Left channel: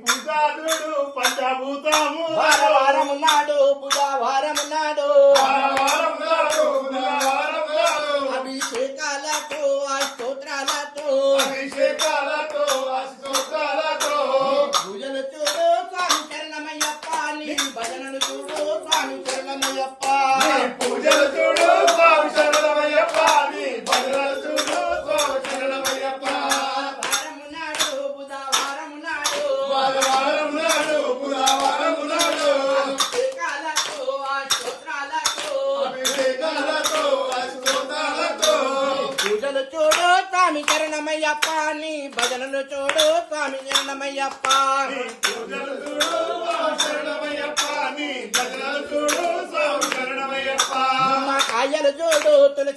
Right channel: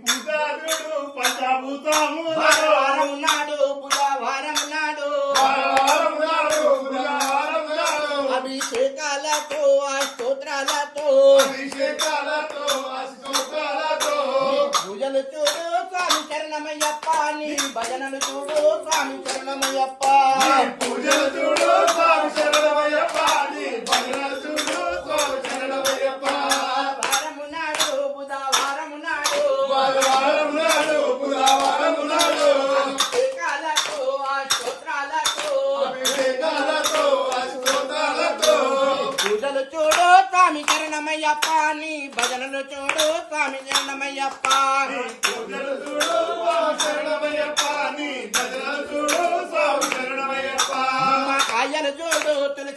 పూజాదుడు పంచభూతము వారం నాడు బుధవారం నాడు అభిషేకాలతో స్తోత్రాలతో పూజలు చూడు స్వామి చరణమయ్యప్ప నీ భజనలు చూడు స్వామి చరణమయ్యప్ప పూజలు చూడు స్వామి శరణమయ్యప్ప నీ భజనలు చూడు స్వామి శరణమయ్యప్ప వారం నాడు బుధవారం నాడు వారం నాడు బుధవారం నాడు అభిషేకాలతో స్తోత్రాలతో పూజలు చూడు స్వామి చరణమయ్యప్ప నీ భజనలు చూడు స్వామి చరణమయ్యప్ప పూజలు చూడు స్వామి శరణమయ్యప్ప నీ భజనలు చూడు స్వామి శరణమయ్యప్ప కాయలు చూడు తులసి